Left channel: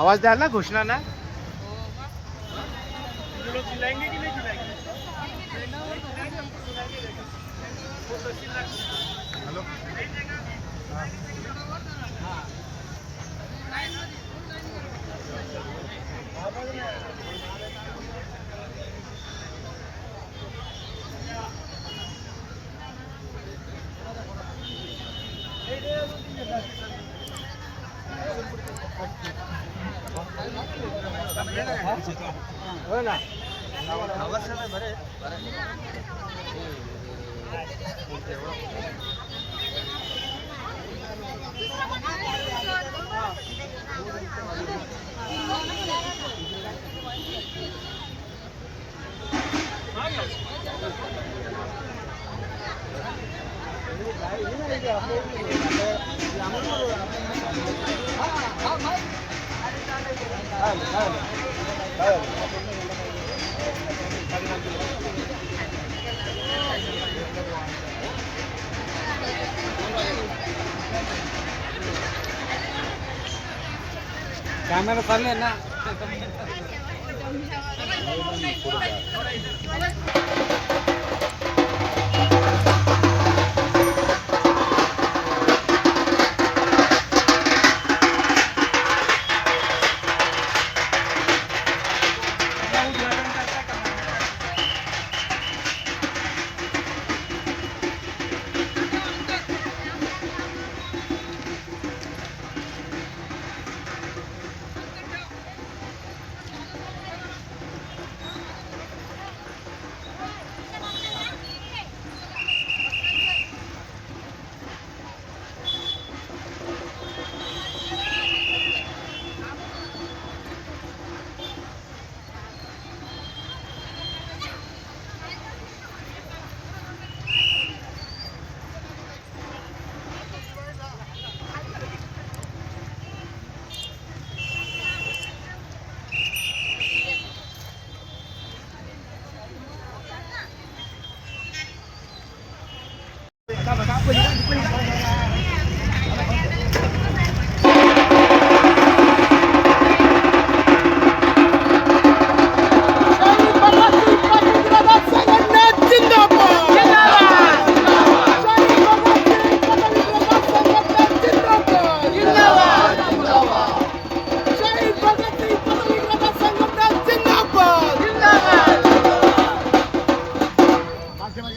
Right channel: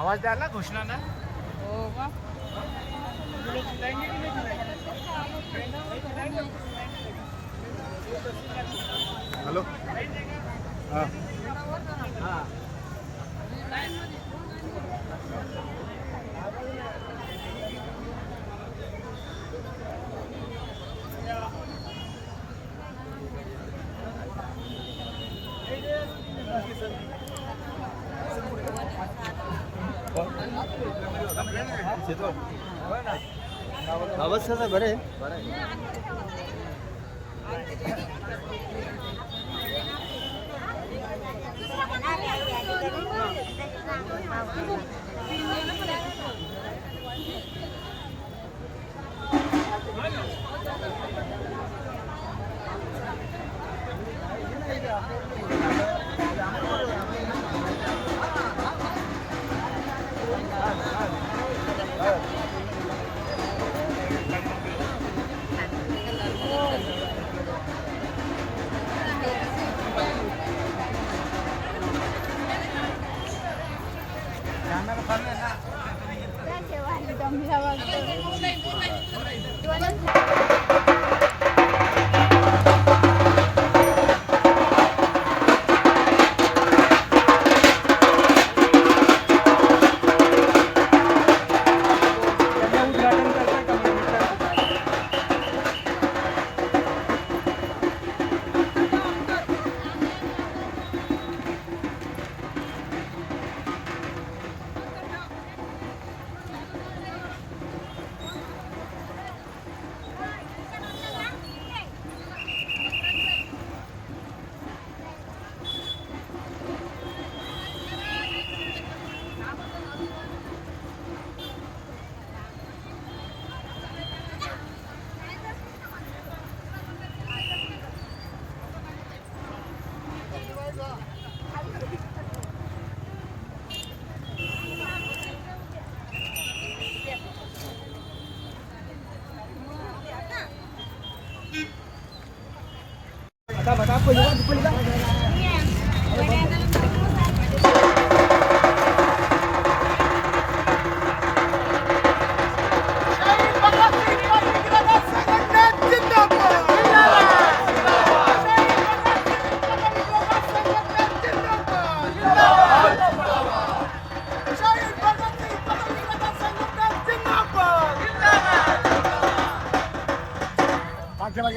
आवाज द्याल ना घोषणा ना. हॅलो. आवाज बरे कॅमेरा चालले ना त्यांना हम एक हम एक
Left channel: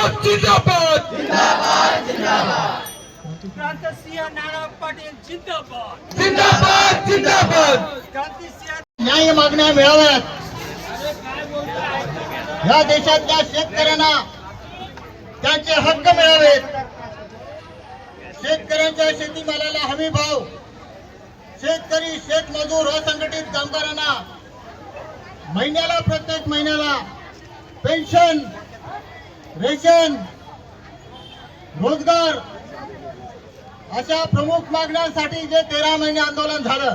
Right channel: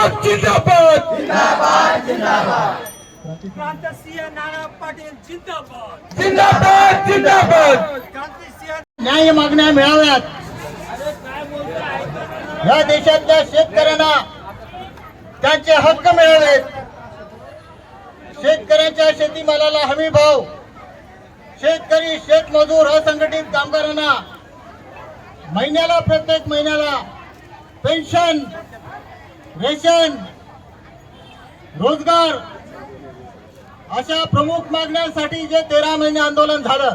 आयताक जिंदाबाद. क्रांतसिंह नाना पाटील जिंदाबाद. जिंदाबाद जिंदाबाद. क्रांतिसिंह न्याय मागण्या मिळाव्यात. या देशातल्या शेतकऱ्यांना त्यांचे हक्क मिळावेत. शेतकऱ्यांच्या शेतीमालाला हमी भाव. शेतकरी शेतमजूर असंघटित कामगारांना महिन्याला प्रत्येक महिन्याला पेन्शन रेशन रोजगार अशा प्रमुख मागण्यांसाठी जे तेरा महिने आंदोलन झालं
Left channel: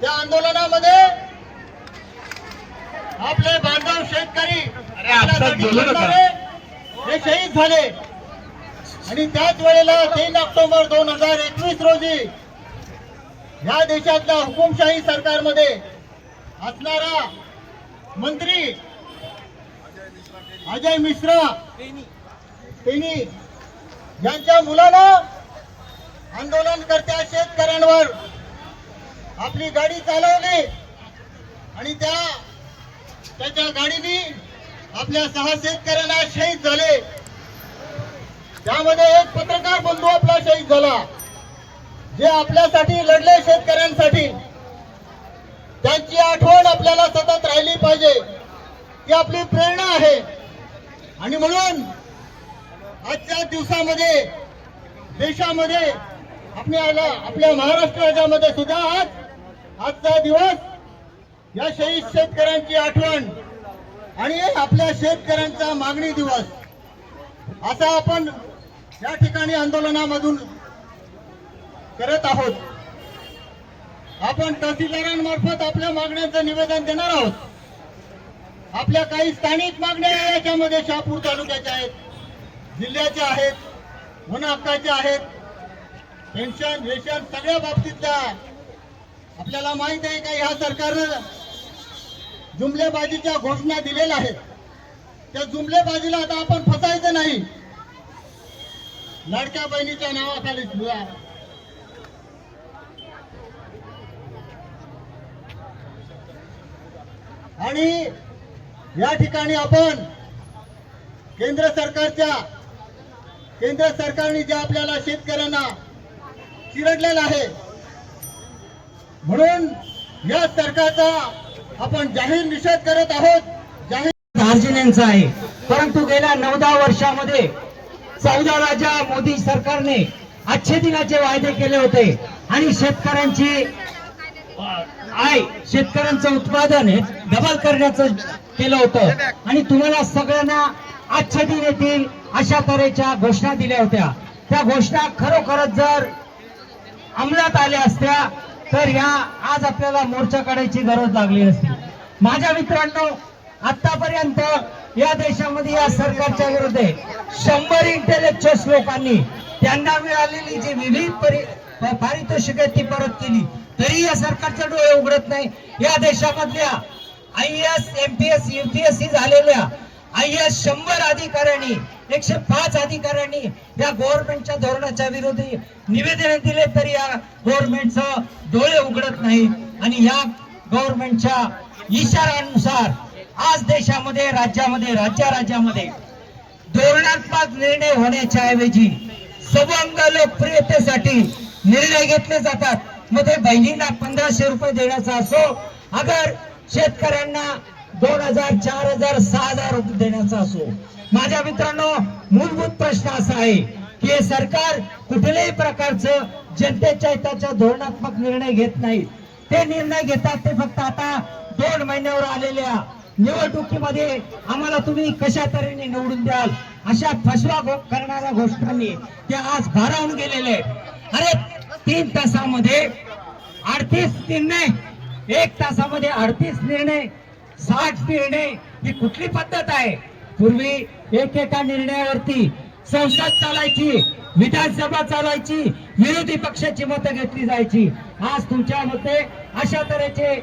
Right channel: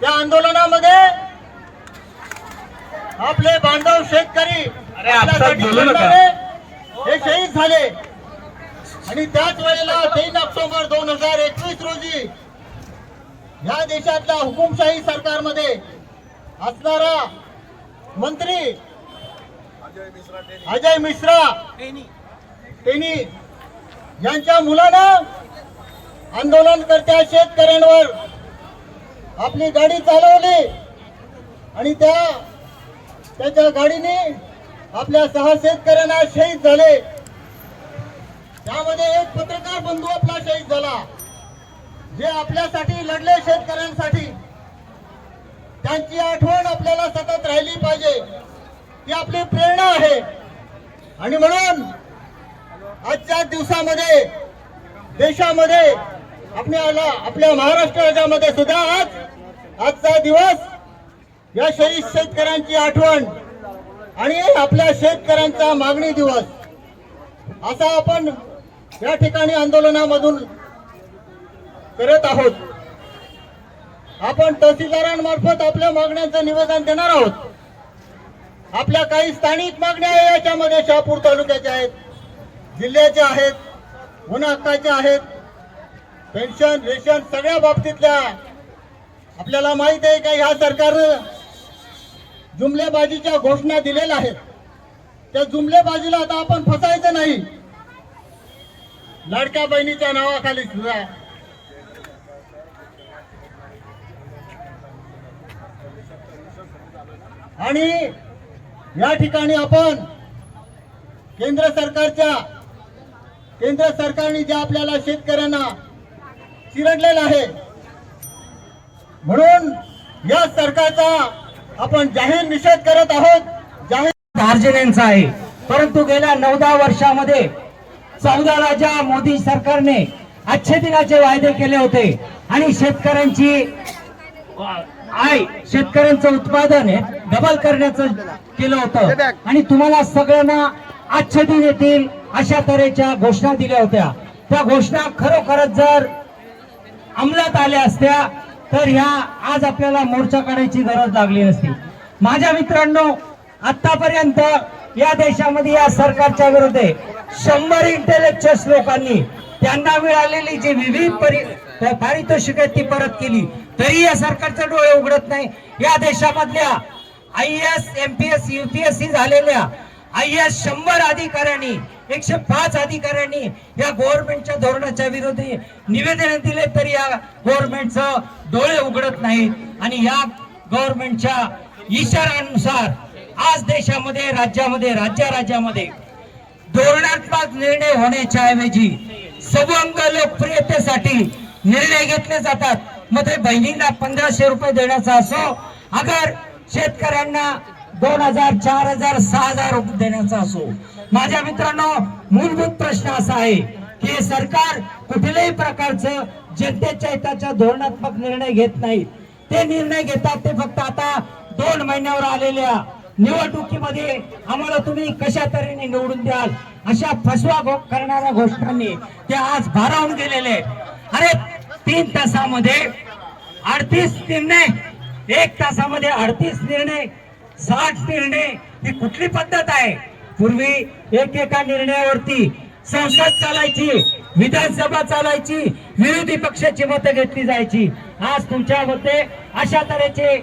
त्या आंदोलनामध्ये आपले बांधव शेतकरी हे शहीद झाले. आणि त्याच वेळेला तीन ऑक्टोबर दोन हजार एकवीस रोजी या देशातल्या हुकुमशाही सरकारमध्ये असणारा मंत्री अजय मिश्रा त्यांनी यांच्या मुलानं आंदोलनकर्त्या शेतकऱ्यांवर आपली गाडी चालवली आणि त्या त्याच्या गाडीने आपल्या सहा शेतकऱ्यांना शहीद झाले. त्यामध्ये एक पत्रकार बंधू आपला शहीद झाला. जे आपल्यासाठी लढले शेतकऱ्यांसाठी. त्यांची आठवण आपल्याला सतत राहिली पाहिजे. ही आपली प्रेरणा आहे. आणि म्हणून आजच्या दिवसामध्ये देशामध्ये आपल्याला आपल्या महाराष्ट्र राज्यामध्ये सुद्धा आज आजचा दिवस या शहीद शेतकऱ्यांची आठवण आणि आपल्या शेतकऱ्यांचा मागणी दिवस. असा आपण या ठिकाणी आंदोलनामधून करत आहोत. आपण तहसीलदारांमार्फत आपल्या मागण्यांचं निवेदन देणार आहोत. आपल्या काही स्थानिक मागण्या याच्यामध्ये शहापूर तालुक्याच्या आहेत जिल्ह्याच्या आहेत वन हक्काच्या आहेत पेन्शन रेशन सगळ्या बाबतीतल्या आपल्याला माहीत आहे का ह्या सरकारनं जुमलेबाजीच्या घोषणा दिलेल्या आहेत. त्या जुमलेबाजीला आता आपण फसायचं नाही. लाडक्या बहिणीच्या नावाखाली सुद्धा. आणि या ठिकाणी आपण केंद्र सरकारच्या केंद्र सरकारने जे आपल्याला शेतकऱ्यांना चिरडलेलं आहे म्हणून या सरकारचा आपण जाहीर निषेध करत आहोत. जाहीर दार्जिलिंगचा आहे. परंतु गेल्या नऊ दहा वर्षामध्ये चौदाला ज्या मोदी सरकारने अच्छे दिनाचे वायदे केले होते आणि शेतकऱ्यांची आय शेतकऱ्यांचं उत्पादन हे डबल करण्याचं केलं होतं. आणि तुम्हाला सगळ्यांना आच्छादन येतील अशा तऱ्हेच्या घोषणा दिल्या होत्या. त्या घोषणा खरोखरच जर अंमलात आल्या असत्या तर ह्या आज आपल्याला मोर्चा काढायची गरज लागली नसती. माझ्या मित्रांनो आतापर्यंत या देशामध्ये या सरकारच्या विरुद्ध शंभर इंटेलेक्च्युअल्स लोकांनी त्यांना मिळालेली जी विविध परि पारितोषिक आहेत ती परत केली. तरी या सरकारचे डोळे उघडत नाही. या देशामधल्या I S M P S UPSC झालेल्या आय एस शंभर अधिकाऱ्यांनी एकशे पाच अधिकाऱ्यांनी या गव्हर्नमेंटच्या धोरणाच्या विरोधी निवेदन दिले तरी या गव्हर्नमेंटचं डोळे उघडत नाहीत. आणि या गव्हर्नमेंटच्या इशाऱ्यानुसार आज देशामध्ये राज्यामध्ये राज्या राज्यामध्ये धोरणात्मक निर्णय होण्याच्या ऐवजी सवंग लोकप्रियतेसाठी निर्णय घेतले जातात. मग ते बहिणींना पंधराशे रुपये देण्याचा असो अगर शेतकऱ्यांना दोन हजार चार हजार सहा हजार रुपये देण्याचा असो. माझ्या मित्रांनो मूलभूत प्रश्न असा आहे की हे सरकार कुठल्याही प्रकारचं जनतेच्या हिताच्या धोरणात्मक निर्णय घेत नाही. ते निर्णय घेतात ते फक्त आता दोन महिन्यावर आलेल्या निवडणुकीमध्ये आम्हाला तुम्ही कशा तऱ्हेने निवडून द्याल? अशा फसवा करणाऱ्या घोषणांनी ते आज भारावून गेलेले अरे तीन तासामध्ये अडतीस निर्णय एक तासामध्ये अडतीस निर्णय साठ निर्णय ही कुठली पद्धत आहे? पूर्वी एक एका निर्णयावरती संसद चालायची विधानसभा चालायची विरोधी पक्षाची मतं घेतली जायची. आज तुमच्या मते अशा तऱ्हेचे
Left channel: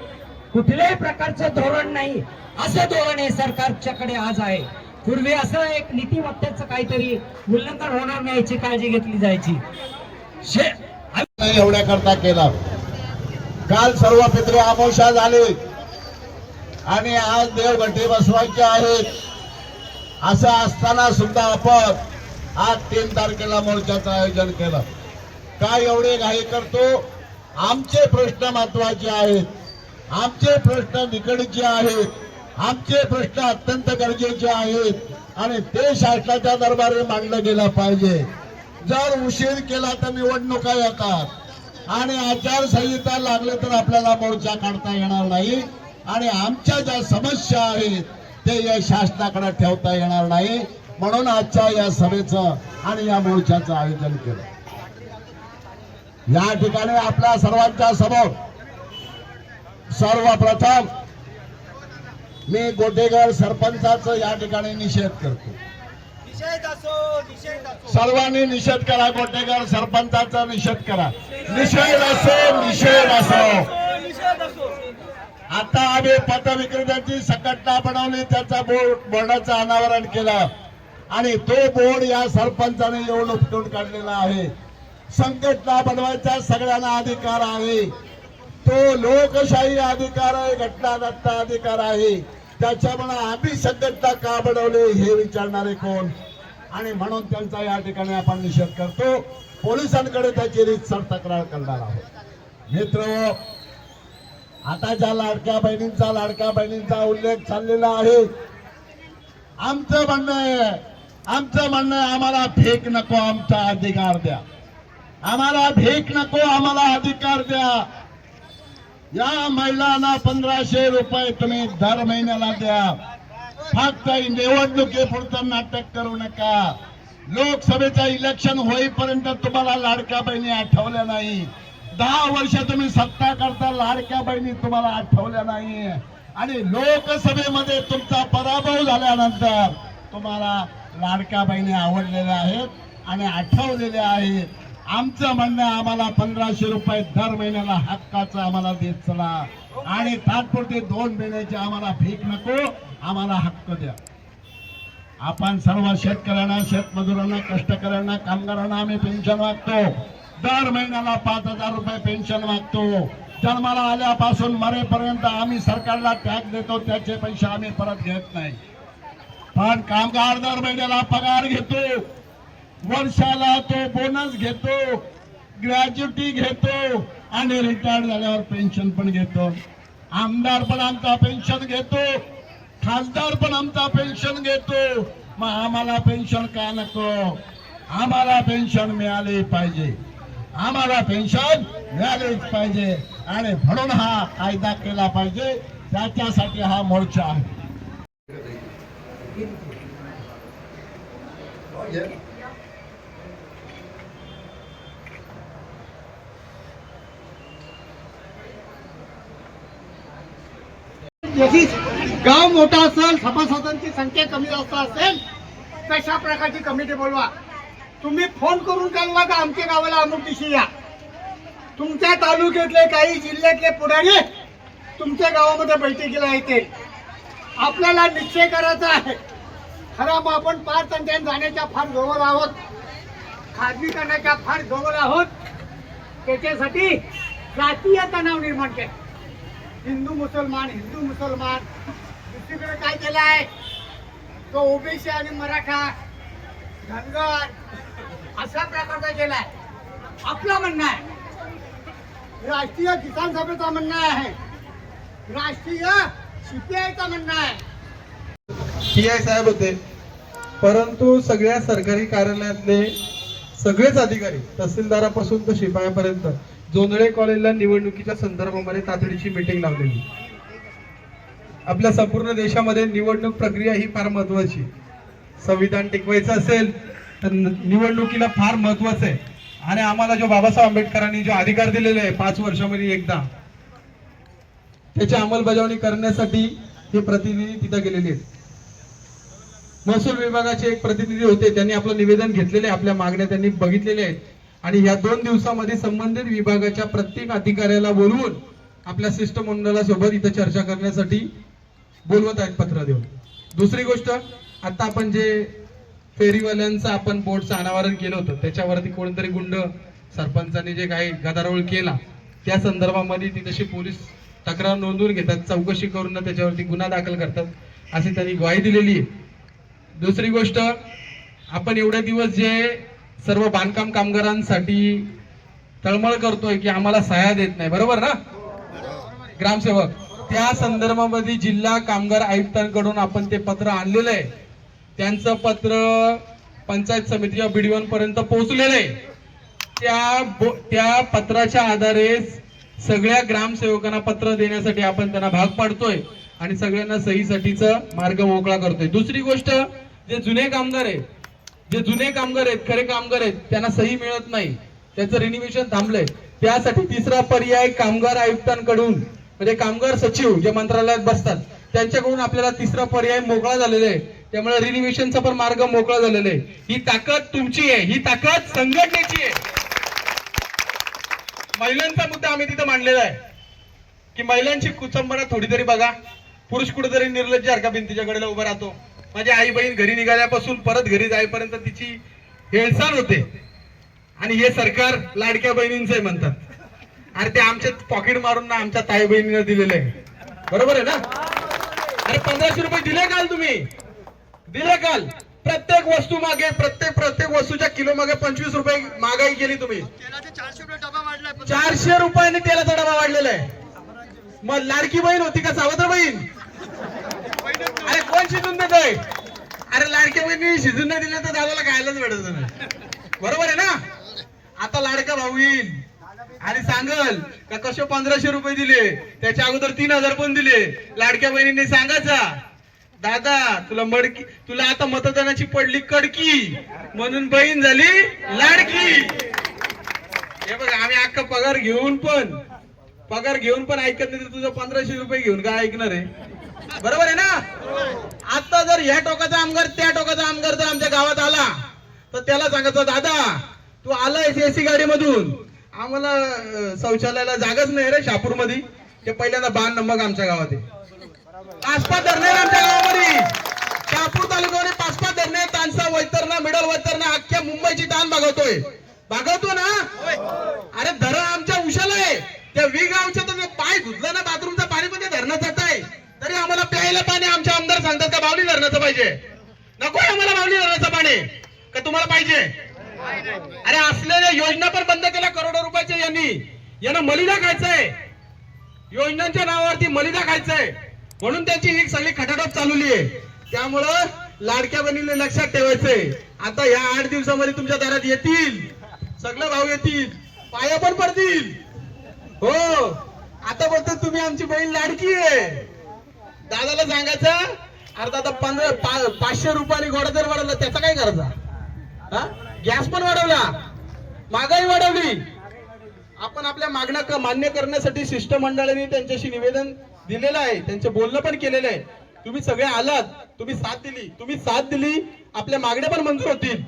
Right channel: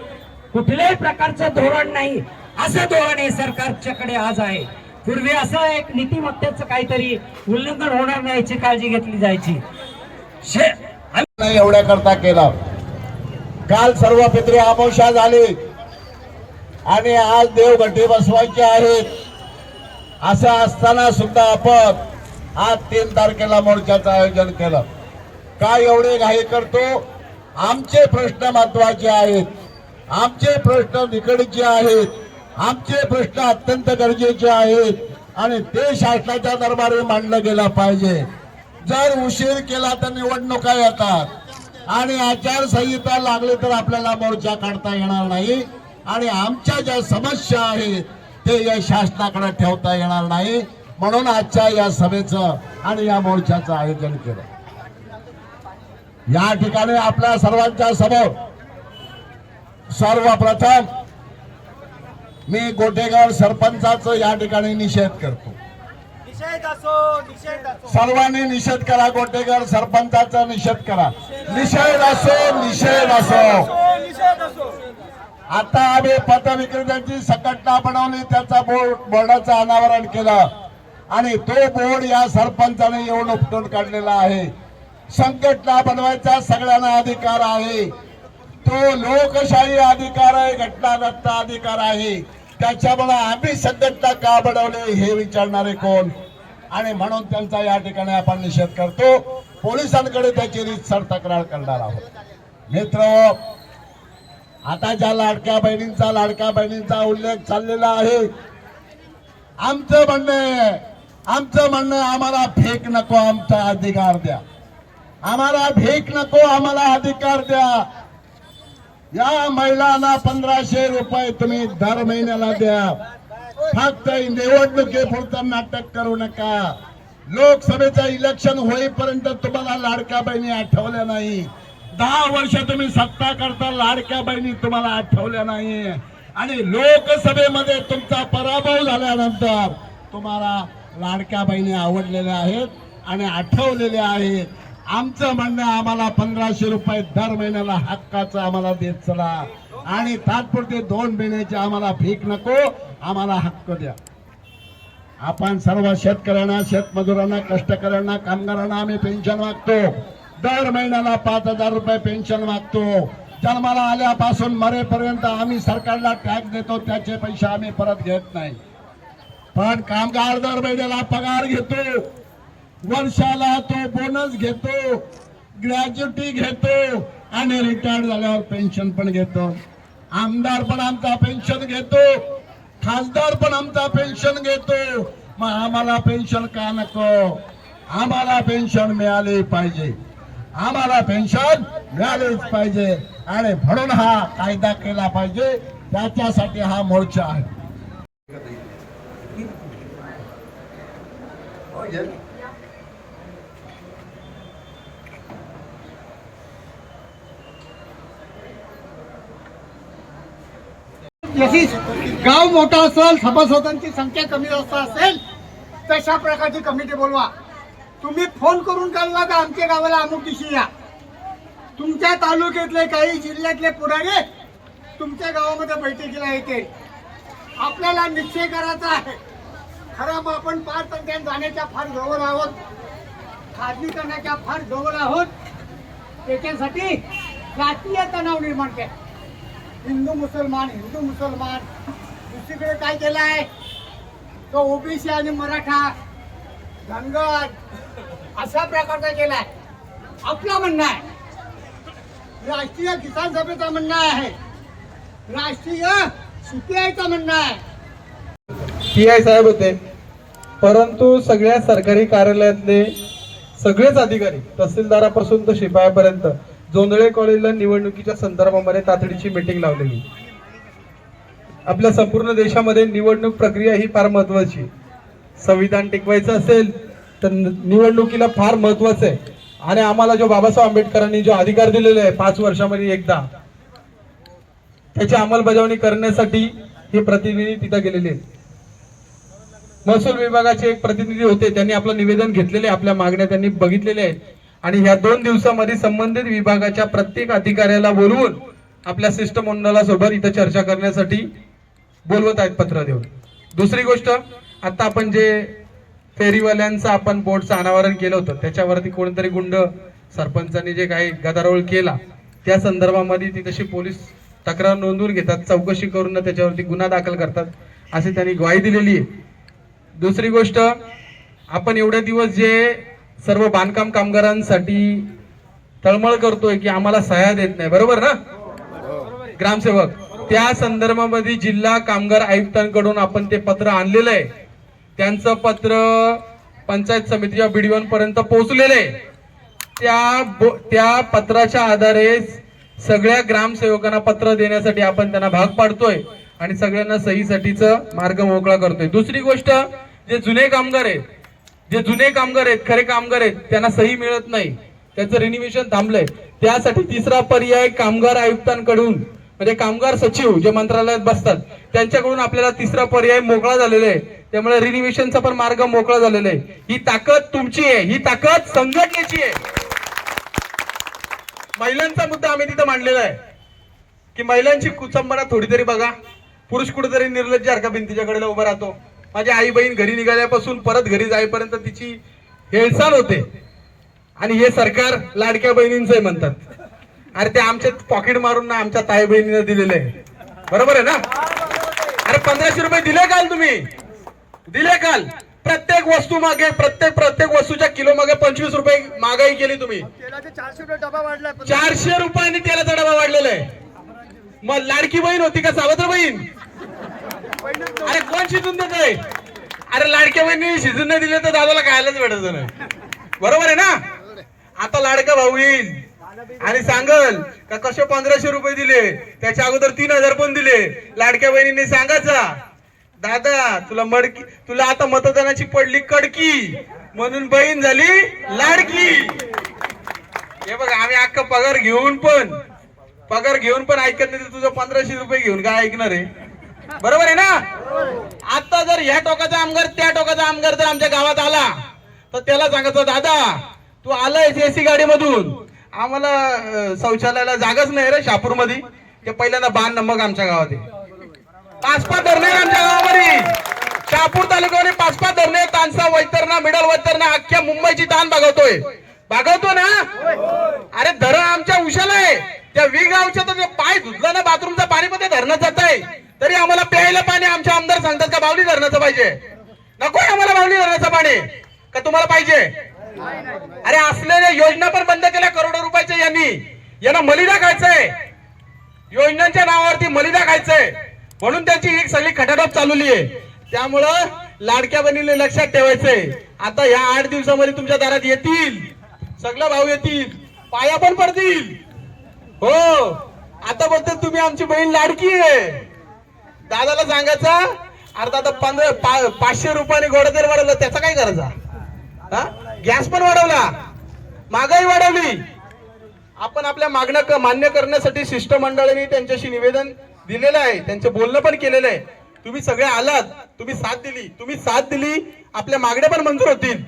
कुठल्याही प्रकारचं धोरण नाही असं धोरण हे सरकारच्याकडे आज आहे. पूर्वी असं एक नीतिमत्तेचं काहीतरी उल्लंघन होणार नाही याची काळजी घेतली जायची. एवढ्या करता केला. काल सर्व पितृ अमावस्या झाली. आणि आज देवघटी बसवायचे आहेत. असं असताना सुद्धा आपण आज तीन तारखेला मोर्चाचं आयोजन केलं. काय एवढे घाई करतो? आमचे प्रश्न महत्त्वाचे आहेत. आमचे प्रश्न निकडचे आहेत. आमचे प्रश्न अत्यंत गरजेचे आहेत. आणि ते शासनाच्या दरबारी मांडलं गेलं पाहिजे. जर उशीर केला तर निवडणुका येतात. आणि आचारसंहिता लागली तर आपल्याला मोर्चा काढता येणार नाही. आणि आमच्या ज्या समस्या आहेत ते या शासनाकडे ठेवता येणार नाही. म्हणून आजच्या या सभेचं आणि या मोर्चाचं आयोजन केलं. या ठिकाणी आपल्या सर्वांच्या समोर सर्वप्रथम मी गोटेगाव सरपंचाचं या ठिकाणी निषेध करतो निषेध असो निषेध असो सर्वांनी निषेध करा गोटेगाव सरपंचाचा निषेध करा. निषेध असो निषेध असो. असो, निषेध असो. आता आम्ही पथविक्रेत्यांची संघटना बनवली त्याचा बोर्ड बोर्डाचं अनावरण केलं. आणि तो बोर्ड या सरपंचाने येऊन उपटून काढलेला आहे. संघटना बनवायचा सगळ्यांना अधिकार आहे. तो लोकशाही अधिकार आहे घटनादत्त अधिकार आहे. त्याच्यामुळे आम्ही संघटना का बनवली हे विचारणारे कोण? आणि म्हणून त्यांचा या ठिकाणी आपण निषेध करतो. पोलिसांकडे त्याची रीतसर तक्रार करणार आहोत. मित्र आता ज्या लाडक्या बहिणींचा लाडक्या बहिणींचा उल्लेख चाललेला आहे. आमचं म्हणणं आहे आमचं म्हणणं आम्हाला फेक नको आमचा अधिकार द्या. आम्हाला भेक नको आम्हाला अधिकार द्या. या महिलांना पंधराशे रुपये तुम्ही दर महिन्याला द्या. फक्त निवडणुकीपुरतं नाटक करू नका. लोकसभेचं इलेक्शन होईपर्यंत तुम्हाला लाडक्या बहिणी आठवल्या नाही. दहा वर्ष तुम्ही सत्ता करता लाडक्या बहिणी तुम्हाला आठवल्या नाही. आणि लोकसभेमध्ये तुमचा पराभव झाल्यानंतर तुम्हाला लाडक्या बहिणी आवडलेल्या आहेत आणि आठवलेल्या आहेत. आमचं म्हणणं आम्हाला पंधराशे रुपये दर महिन्याला हक्काचं आम्हाला देत चला. आणि तात्पुरते दोन महिन्याचे आम्हाला भीक नको आम्हाला हक्क द्या. आपण सर्व शेतकऱ्यांना शेतमजुरांना कष्टकऱ्यांना कामगारांना आम्ही पेन्शन मागतो. दर महिन्याला पाच हजार रुपये पेन्शन मागतो. जन्माला आल्यापासून मरेपर्यंत आम्ही सरकारला टॅक्स देतो त्याचे पैसे आम्ही परत घेत नाही. पण कामगार दर महिन्याला पगार घेतो. वर्षाला तो बोनस घेतो ग्रॅज्युटी घेतो आणि रिटायर्ड झाल्यावर पेन्शन पण घेतो. आमदार पण आमचा पेन्शन घेतो खासदार पण आमचा पेन्शन घेतो. मग आम्हाला पेन्शन का नको? आम्हाला पेन्शन मिळाली पाहिजे. आम्हाला पेन्शन मिळालीच पाहिजे. आणि म्हणून हा कायदा केला पाहिजे. त्याच्यासाठी हा मोर्चा आहे. हो, तशीच गाव मोठा असेल सभासदांची संख्या कमी जास्त असेल तशा प्रकारची कमिटी बोलवा. तुम्ही फोन करून कळवा का आमच्या गावाला अमुक दिवशी या. तुमच्या तालुक्यातले काही जिल्ह्यातले पुढारी तुमच्या गावामध्ये बैठकीला येते आपल्याला निश्चय करायचा आहे. खरं मग आपण पाच तंत्र्यात जाण्याच्या फार जवळ आहोत. खाजगीकरणाच्या फार जवळ आहोत. त्याच्यासाठी जातीय तणाव निर्माण केला हिंदू मुसलमान हिंदू मुसलमान. दुसरीकडे काय केलं आहे तो ओबीसी आणि मराठा धनगर अशा प्रकारचा केलाय. आपलं म्हणणं आहे. राष्ट्रीय किसान सभेचं म्हणणं आहे. राष्ट्रीय सीपीआयचं म्हणणं आहे. पी आय साहेब होते. परंतु सगळ्या सरकारी कार्यालयातले सगळेच अधिकारी तहसीलदारापासून तर शिपायापर्यंत जोंधळे कॉलेजला निवडणुकीच्या संदर्भामध्ये तातडीची मीटिंग लावलेली. आपल्या संपूर्ण देशामध्ये निवडणूक प्रक्रिया ही फार महत्वाची संविधान टिकवायचं असेल तर निवडणुकीला फार महत्वाचं आहे. आणि आम्हाला जो बाबासाहेब आंबेडकरांनी जो अधिकार दिलेला आहे पाच वर्षामध्ये एकदा त्याची अंमलबजावणी करण्यासाठी हे प्रतिनिधी तिथं गेलेले आहेत. महसूल विभागाचे एक प्रतिनिधी होते त्यांनी आपलं निवेदन घेतलेले आपल्या मागण्या त्यांनी बघितलेल्या आहेत. आणि ह्या दोन दिवसामध्ये संबंधित विभागाच्या प्रत्येक अधिकाऱ्याला बोलवून आपल्या शिष्टमंडळासोबत इथं चर्चा करण्यासाठी बोलवत आहेत पत्र देऊन. दुसरी गोष्ट आता आपण जे फेरीवाल्यांचं आपण बोर्डचं अनावरण केलं होतं त्याच्यावरती कोणतरी गुंड सरपंचांनी जे काही गदारोळ केला त्या संदर्भामध्ये ती तशी पोलीस तक्रार नोंदवून घेतात चौकशी करून त्याच्यावरती गुन्हा दाखल करतात अशी त्यांनी ग्वाही दिलेली आहे. दुसरी गोष्ट आपण एवढे दिवस जे सर्व बांधकाम कामगारांसाठी तळमळ करतोय की आम्हाला सह्या देत नाही. बरोबर ना? ग्रामसेवक त्या संदर्भामध्ये जिल्हा कामगार आयुक्तांकडून आपण ते पत्र आणलेलं आहे. त्यांचं पत्र पंचायत समितीच्या बीडीओ पर्यंत पोहोचलेलं आहे. त्या त्या पत्राच्या आधारे सगळ्या ग्रामसेवकांना पत्र देण्यासाठी आपण त्यांना भाग पाडतोय आणि सगळ्यांना सहीसाठीचं मार्ग मोकळा करतोय. दुसरी गोष्ट जे जुने कामगार आहेत जे जुने कामगार आहेत खरे कामगार आहेत त्यांना सही मिळत नाही. त्याचं रिनिव्हेशन थांबलंय. त्यासाठी तिसरा पर्याय कामगार आयुक्तांकडून म्हणजे कामगार सचिव जे मंत्रालयात बसतात त्यांच्याकडून आपल्याला तिसरा पर्याय मोकळा झालेला आहे. त्यामुळे रिनिव्हेशनचा पण मार्ग मोकळा झालेला आहे. ही ताकद तुमची आहे. ही ताकद संघटनेची आहे. महिलांचा मुद्दा आम्ही तिथं मांडलेला आहे. की महिलांची कुचंबना थोडी तरी बघा. पुरुष कुठेतरी निर्लज्ज का भिंतीच्या कडेला उभा राहतो? माझी आई बहीण घरी निघाल्यापासून परत घरी जाईपर्यंत तिची हेळसाण होते. आणि हे सरकार लाडक्या बहिणींचं म्हणतात. अरे ते आमच्या पॉकेट मारून ना आमच्या ताई बहिणीनं दिलेलं आहे. बरोबर आहे ना? अरे पंधराशे रुपये दिले काल तुम्ही. दिले काल. प्रत्येक वस्तू मागे प्रत्येक प्रत्येक वस्तूच्या किलो मागे पंचवीस रुपये महागाई केली तुम्ही. चारशे रुपये डबा वाढला चारशे रुपयांनी तेलाचा डबा वाढलेला आहे. मग लाडकी बहीण होती का सावत्र बहीण? अरे कोण शिजून देत आहे अरे लाडक्या बहिणी शिजून नाही दिले तर दादाला खायलाच भेटत नाही. बरोबर आहे ना? आता लाडका भाऊ येईल. आणि सांगल का कसे पंधराशे रुपये दिले? त्याच्या अगोदर तीन हजार पण दिले. लाडक्या बहिणीने सांगायचा दादा तुला मडकी तुला आता मतदानाची पडली कडकी. म्हणून बहीण झाली लाडकी. हे बघ आम्ही अख्खा पगार घेऊन पण पगार घेऊन पण ऐकत नाही तर तुझं पंधराशे रुपये घेऊन काय ऐकणार आहे? बरोबर आहे ना? आता जर ह्या टोकाचा आमदार त्या टोकाचा आमदार जर आमच्या गावात आला तर त्याला सांगायचं दादा तू आलायस एसी गाडी मधून आम्हाला शौचालयाला जागाच नाही रे शापूरमध्ये ते पहिल्यांदा बाण मग आमच्या गावात पाच पाच धरणे आमच्या गावामध्ये. शहापूर तालुक्यामध्ये पाच पाच धरणे तानसा वैतरणा मिडल वैतरणा अख्ख्या मुंबईची ताण भागवतोय. भागवतो ना? अरे धरण आमच्या उशाला आहे. त्या वी गावच्या तर पाय धुतलं ना बाथरूमचं पाणी पण ते धरणं जात आहे तरी आम्हाला प्यायला पाणी आमच्या आमदार सांगतात का बावली धरणाचं पाहिजे? नको आम्हाला बावली धरणाचं पाणी. का तुम्हाला पाहिजे? अरे असलेल्या योजना पण बंद केल्या करोडो रुपयाच्या यांनी. यांना मलिदा खायचंय. योजनांच्या नावावरती मलिदा खायचंय. म्हणून त्यांची ही सगळी खटाटप चालवली आहे. त्यामुळं लाडक्या बहिणीने लक्षात ठेवायचंय. आता या आठ दिवसामध्ये तुमच्या दारात येतील. सगळं भाऊ येतील. पाया पण पडतील. हो. आता बघतो तुम्ही आमची बहीण लाडकी आहे. दादाला सांगायचा अरे दादा पंधरा पा- पाचशे रुपयाने गोडा तेल वाढवलं त्याचा काय करायचा? हा? गॅस पण वाढवला. महागाई वाढवली. आपण आपल्या मागण्या मान्य करण्यासाठी शिष्टमंडळाने त्यांच्याशी निवेदन दिलेलं आहे. त्यांचं बोलणं पण केलेलं आहे. तुम्ही सगळे आलात तुम्ही साथ दिली. तुम्ही साथ दिली आपल्या मागण्या पण मंजूर होतील.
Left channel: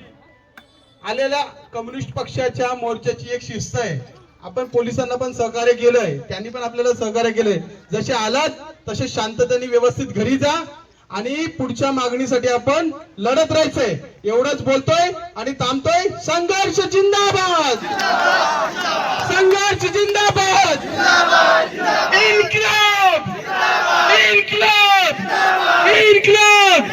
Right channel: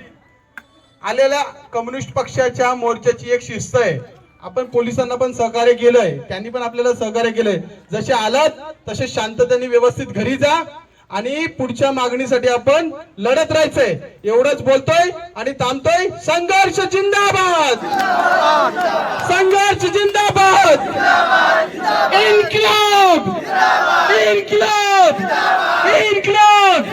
आलेल्या कम्युनिस्ट पक्षाच्या मोर्चाची एक शिस्त आहे. आपण पोलिसांना पण सहकार्य केलंय. त्यांनी पण आपल्याला सहकार्य केलंय. जसे आलात तसे शांततेने व्यवस्थित घरी जा आणि पुढच्या मागणीसाठी आपण लढत राहायचंय. एवढंच बोलतोय आणि थांबतोय. संघर्ष जिंदाबाद! संघर्ष जिंदाबाद! इन्क्लब! इन्क्लब! इन्क्लब!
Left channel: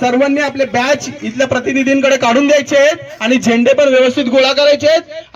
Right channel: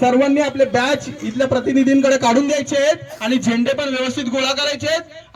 सर्वांनी आपले बॅच इथल्या प्रतिनिधींकडे काढून द्यायचे आहेत आणि झेंडे पण व्यवस्थित गोळा करायचे आहेत.